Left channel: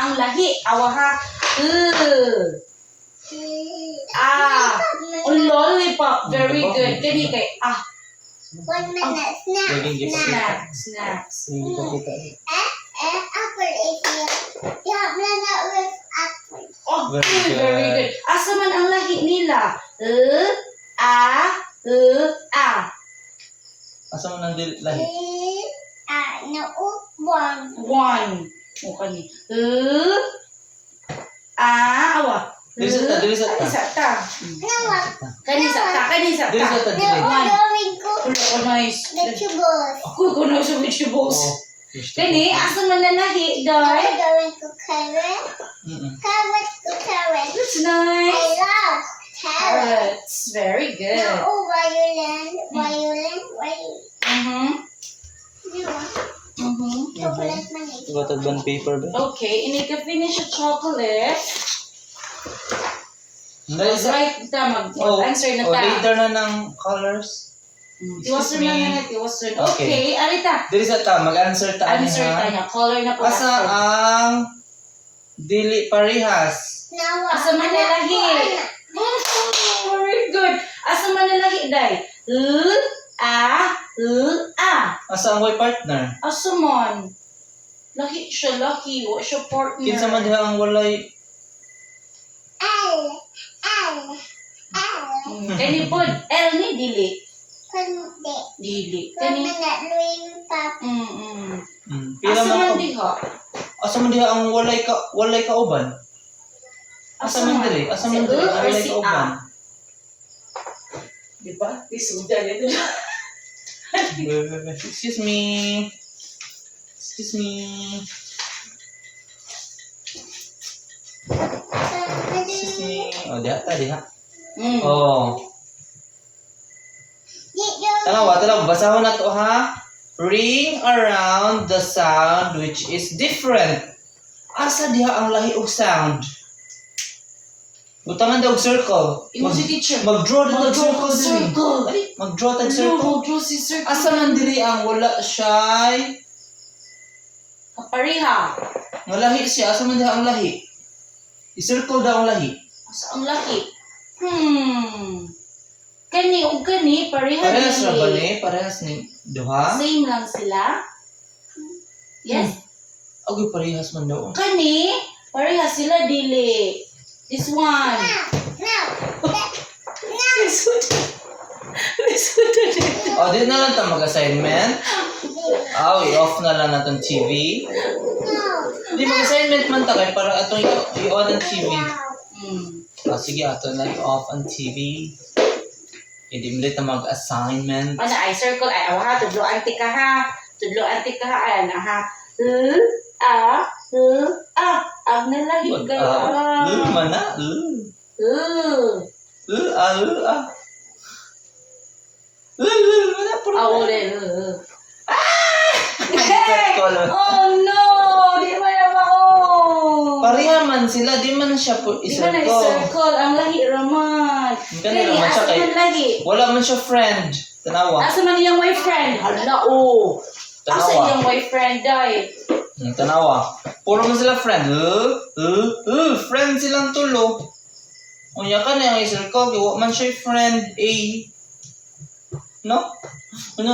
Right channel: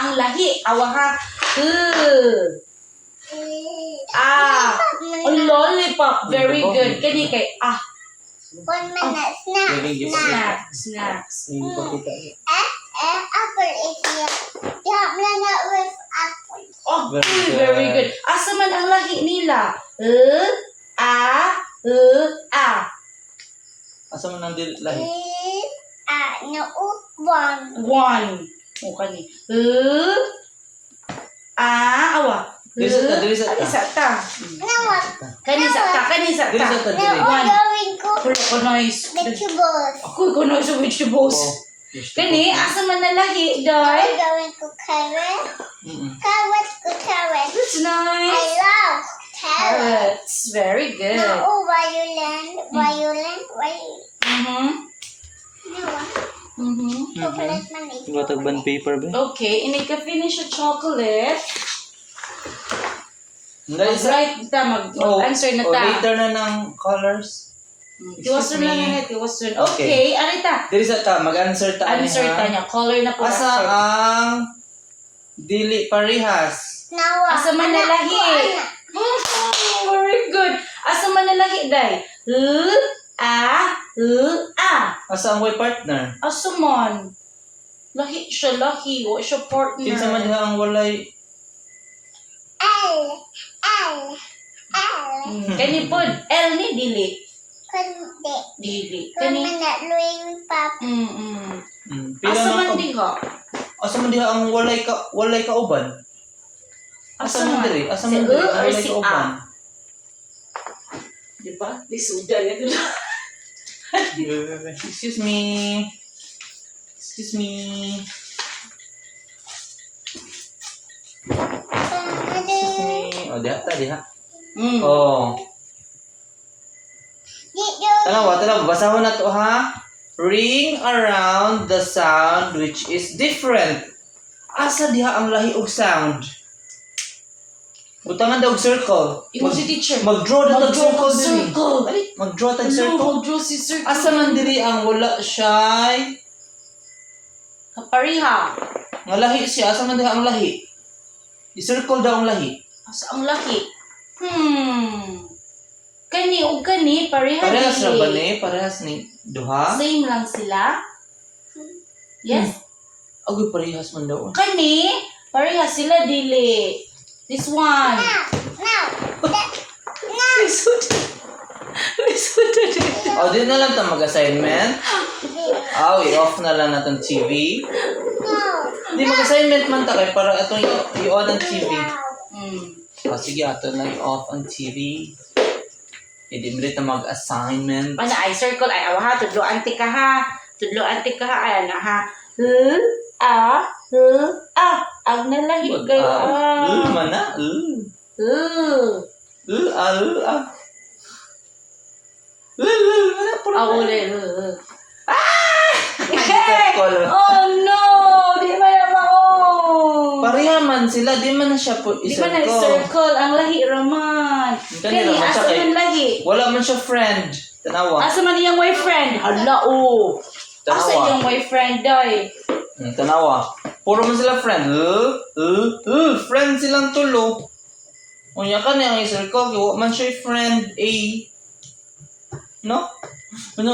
ang lahi. Awaha. Lollipop. Very good. Kani kay 1 minute. Snacks. Apple is here. Yeah, banana with apple. Very good. Asa man ang lahi nila? Asa man ang lahi? No, one. One. O kani. Awa. Dili sa ta. Isa ta. No, what? Kani sa ta. Dili sa ta, No, dili. going to Wala ko nice. vegetables. Ako ko nice sa vegetables. Kani, asa man na lahi, guys? Going to carrot. Carrot to carrot. That's I nice. love carrot. Carrots. Very good. No, violin. Chocolate money. Gatag band paper ba? Okay, ini ka finish yung chocolate. Dali sa. Right, mag-answer na ta. Later na ng colors. Tiwasan lang yan, tiwasan. Okay, arita. Dili sa ta, mag-answer ta. Answer ta niya. Color na po. Asa ang dili parehas? Now, Asa man na lahi? Very good. Asa man na lahi, day? Asa ang way partner? Asa man? Lahi siya, lahi. Wa siya partner. Kinsa man diha ang walay L. Kani pod, L ni dili. Kundi. Dili. Kani Kani. na Louis Papa. Pila Asa man man diha? Asa man diha ang walay kauban? Asa man dili? Asa man dili ang walay kauban? Di ba? Lisuda yan. Excuse me. Oh, diha. Oh. Tanawa, basahon na to ha. Ring around the sound which is different. Asa diha ang lahi og sound? Butangan daw og circle. Imo si teacher. Mag-draw na tag circle. Circle. Dali, mag-draw tag Ano, circle. mag-draw si circle. Asa man dili ang wala shy? Kapariha. Nga lahi siya, asa man diha ang lahi? I-circle daw ang lahi. Asa ang laki? Kani o kani, pareha Parehas dili. ra ba ni? Parehas ni duha? Same lang sila? Yes? Agoy parehas man daw. Kani, pareha sila dili. This one. Lisuda dito. O, di na lang ito mag-assignment. I-off na lang natin TV. Di mag-assignment man ta kay para atong i-on ang TV. O, sige, ato na i-off ang TV. Hindi mo rin mag-assignment. Ano, ay circle, ay awa ha, tudlo antik ka ha. Ay na ha. Ang nalahi ka. Mana? Uli. Color. Oh no! Di ba naman ako? Pareha man sila, di man na siya po Di ba na i-circle. circle? Ang lahi raman. Kani raman Asa siya kay- man lahi? Wala man siya friend. Tanawa. Asa man iyang boyfriend? Hala oh. Asa Tanawa. iyang boyfriend day? Tanawa. Puro man sila friend. Friend silang tulo. Unya ka na yung i-circle. Wa man siya friend A. No? No.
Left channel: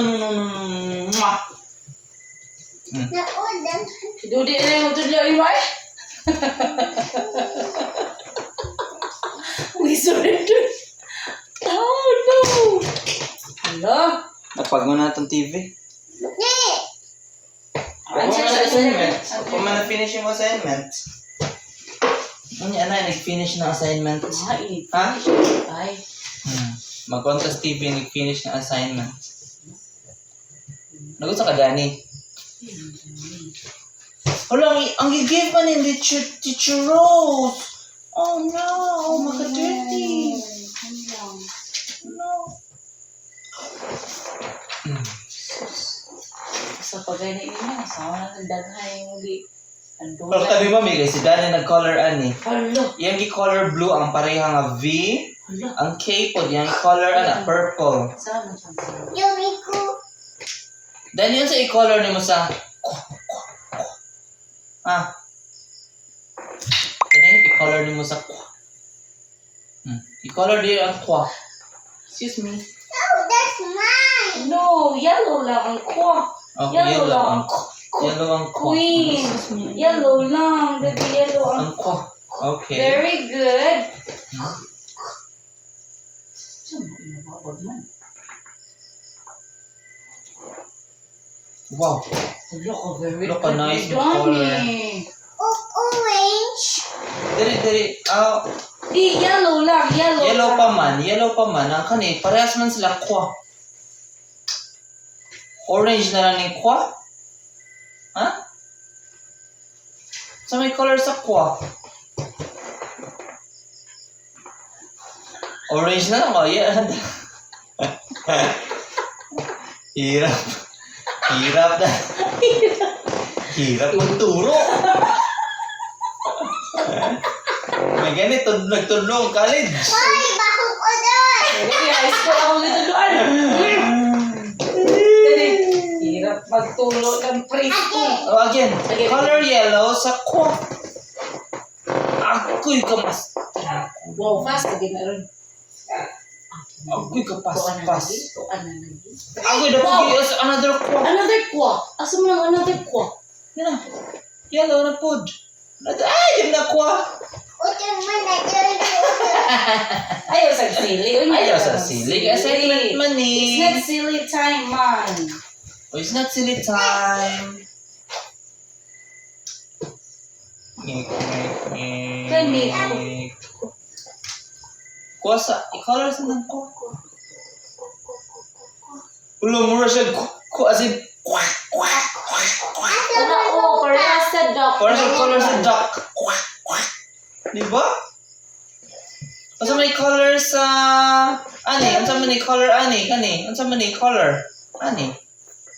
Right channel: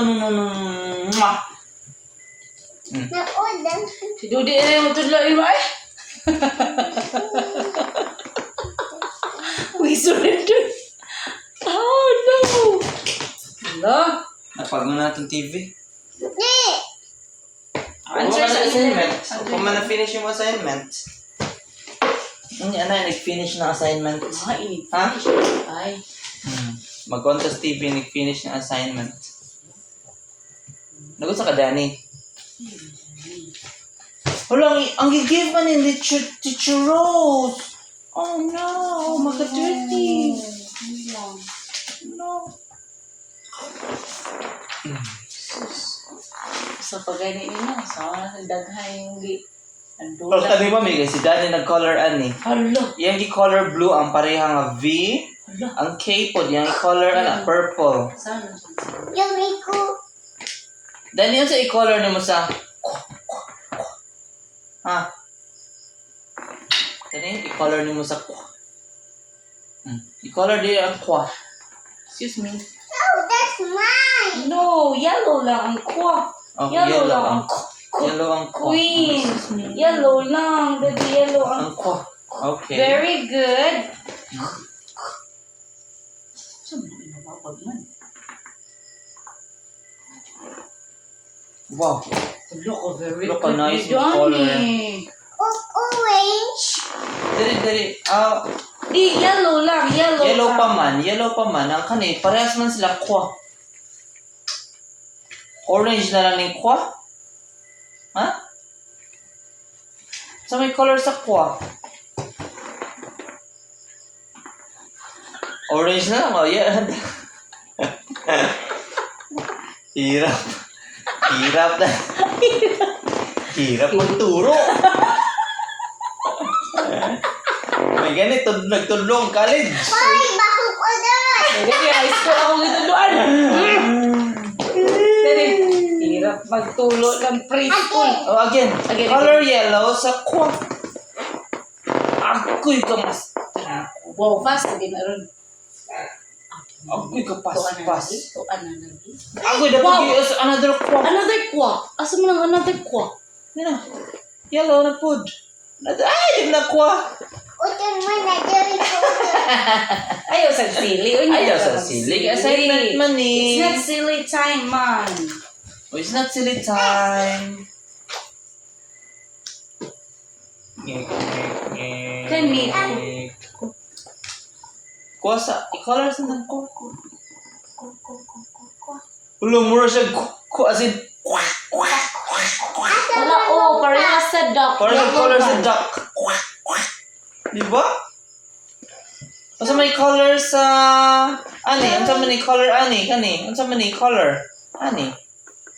Mwah. Si Dudi na magtudlo mo eh. We surrender. Oh no. Hala. Napag mo na itong TV. Answer sa assignment. Kung man na-finish yung assignment. Nag-finish ng assignment. Ay, Ha? ay. Mag-contest TV, nag-finish ng assignment. Nagot sa kadani. Wala, ang gigave man yung teacher Rose. Oh no, magka-dirty. No. Sa pagani niya, sa daghay yung Pero kami ba, Miguel, si Danny nag-color ani. Hala. Yang gi-color blue ang pareha nga V. Hala. Ang K po, yang i-color purple. Saan ang pansin? Danny, yun sa i-color ni mo sa... Ha? i-color nimo sa kwa. I-color di ang kwa. Excuse me. No, that's mine. No, yellow lang ang kwa. Okay, Yellow lang ang ang yellow ang kwa. queen. Excuse me. Yellow lang. Daddy, yellow ang... Ang kwa. Okay. Very good. Saan mo inababag man? Wow. Look, very Look, a good. nice Donnie. Orange. Diri. Di, yellow lang. Yellow lang. pa man. Ang kani, parehas man sila kwa. Orange na lang yung kwa. Ha? So may color sa kwa. Orange na lang, oh. Yeah. Hirap. Hirap na. Hirap magturo. May ganito, nagtulong college. Hoy, baho ko doon. Daddy, high school ako dito doon. Daddy, hirap magtulo ng preschool. Oh, again. Again. Color yellow sa kwa. Ako'y kamas. Wow, fast. Hindi na rin. Ako'y kapas-pas. Tuan na lagi. Ako'y dapat Wow. yes, another kwa. Another kwa. Asa mo nang another kwa? Yan na. Yellow na pod. Ay, yun na kwa. Utol mo na dyan. Ayaw sa silly. Ayaw sa silly. Assignment man It's eh. not silly time, man. Oh, it's not silly time. Kani. Kwa sa, i-color sa ng kwa. Ulo, mura siya kwa as in, kwa. Wala, oh, parehas sa duck. Parang sa color sa duck. Diba? Asa may color sa... Ani? Ang sa may color, ani? Kani? Ang sa may color? Ani?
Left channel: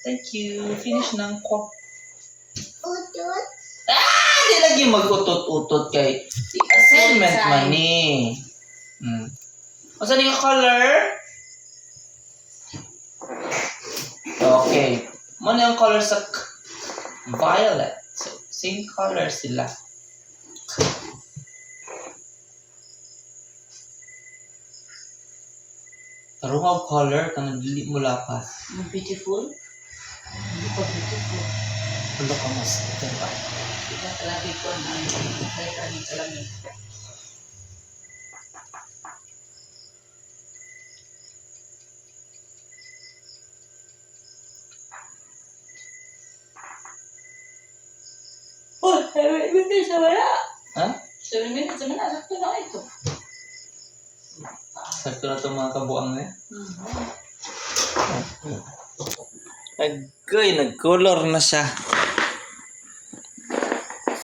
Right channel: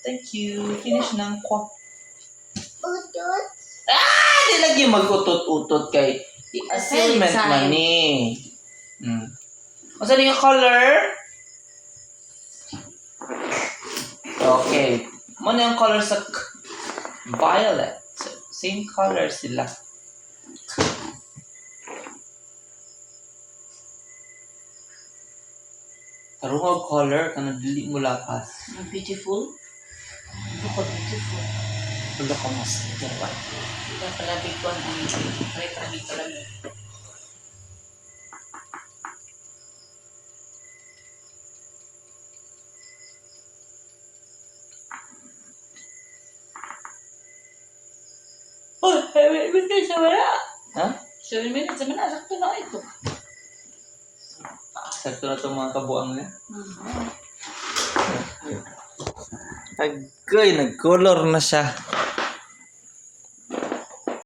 Thank you. Finish ng kwa. Utol. Di lagi mag-utot-utot kay The assignment time. man ni. Asa na yung color? Okay. Ano yung color sa violet? So, same color sila. Tarungaw color ka na dili mo lapas. Beautiful. Look how beautiful. Hulo ka mas. Diba? Di ba palagi ko ang kaya-kaya palagi. Oh, 7 minutes na wala. Ha? 7 minutes na wala. Sakto na ito. Sakto na itong mga kabuang niya. Agoy, nag-color na siya.